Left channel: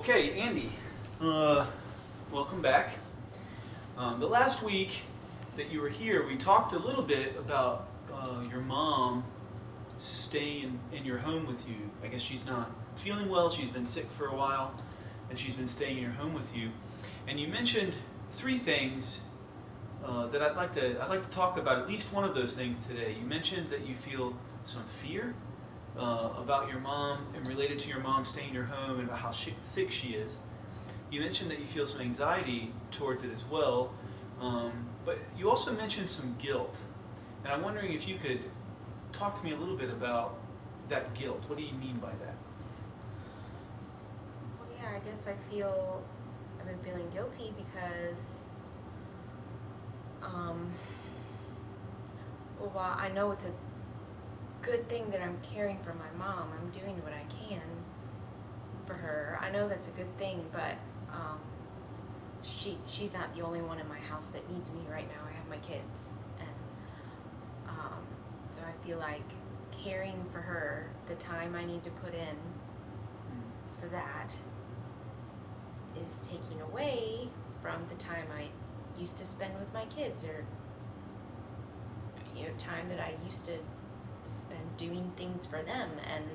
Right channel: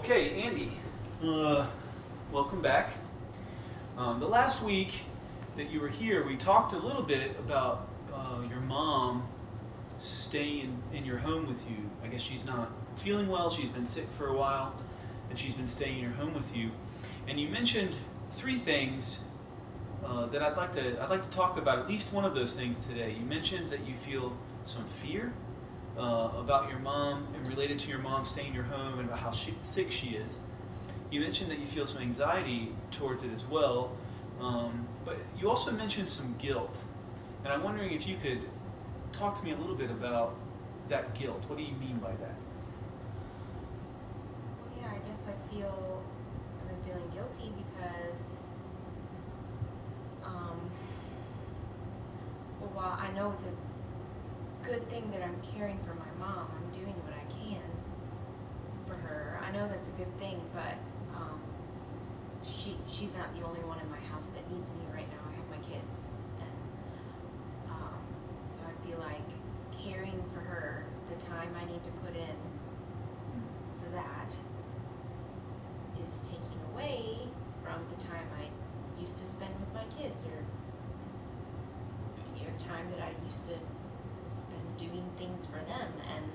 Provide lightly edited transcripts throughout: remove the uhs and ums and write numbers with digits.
Okay, Andy, welcome back. The last week that you were here, we talked a little bit about your mom staying in your home with you. I guess she's not feeling well, she's been sick for a while, and she's been staying in your home with you. And you mentioned three things that I'd like to talk about, at least one of those things today. You mentioned that you feel some fear about your mom and related to your mom staying in your home and about how sick she is. You mentioned that you feel some anxiety towards it as well, but you also mentioned some guilt. And I'm wondering if you could talk to me a little bit about that guilt. What do you mean by that? Well, yeah, I guess I've been feeling guilty because, while I know it's a good thing that I'm caring for my mom, I'm doing what I can for her. I know that's a good thing, but she's not the only one in my house that needs me right now. I have my kids, and so I feel like caring for her, the time I need to put in for that is taking away from the time I used to spend with my kids, or time that I used to spend doing things for them, and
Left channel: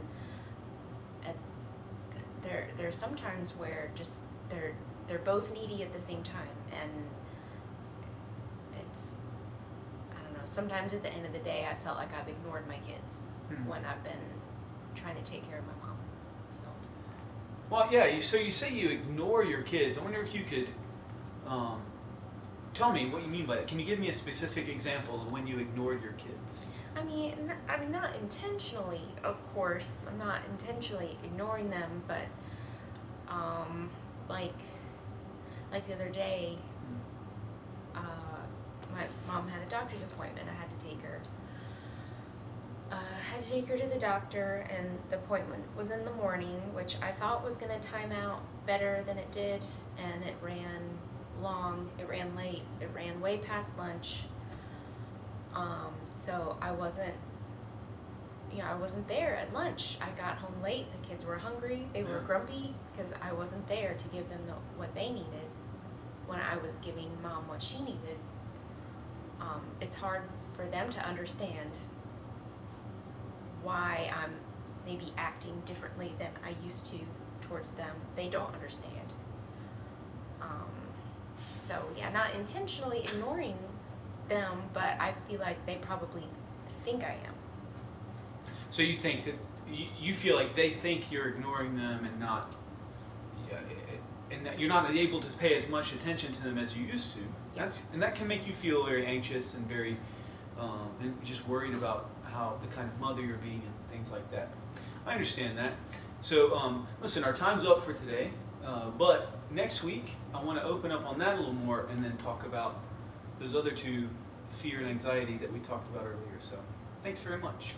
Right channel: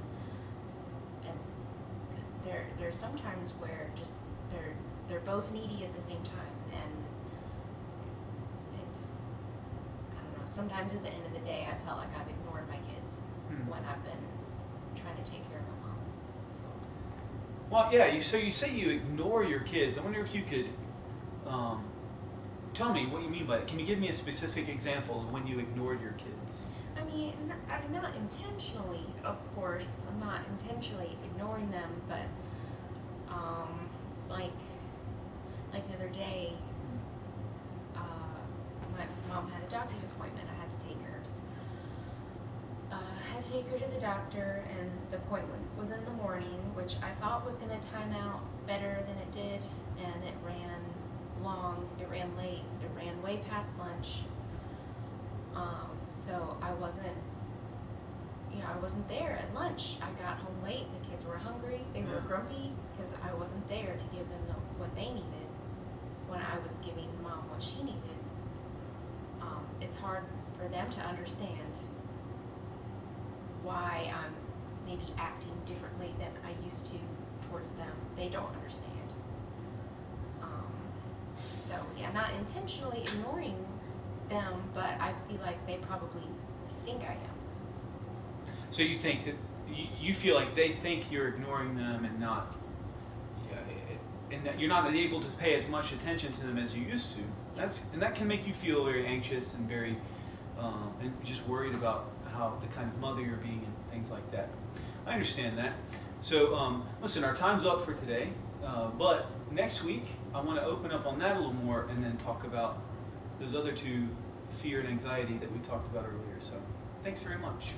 there's sometimes where just they're both needy at the same time, and it's, I don't know, sometimes at the end of the day I felt like I've ignored my kids when I've been trying to take care of my mom. So Well, yeah, so you say you ignore your kids. I wonder if you could tell me what you mean by that. Can you give me a specific example of when you ignored your kids? I mean, I'm not intentionally, of course, I'm not intentionally ignoring them, but like the other day, my mom had a doctor's appointment. I had to take her. I had to take her to the doctor, and the appointment was in the morning, which I thought was going to time out better than it did, and it ran long. It ran late. It ran way past lunch. So I wasn't there at lunch. I got home late. The kids were hungry. They were grumpy because I wasn't there to give them what they needed when I was giving mom what she needed. It's hard for them to understand why I'm maybe acting differently than I used to towards them. They don't understand. So yeah, not intentionally ignoring them, but I feel like they probably think I am. So you think that you feel like they think you're ignoring them and not, and that you're not able to pay as much attention to them as you used to. And that can make you feel very anxious and very and just worried about how the kind of mother you're being and things like that. I understand that. So listen, our time's up for today, but next week I want to open up on that a little more and then talk about those other two, fear and anxiety, that we talked about earlier. So thanks very much.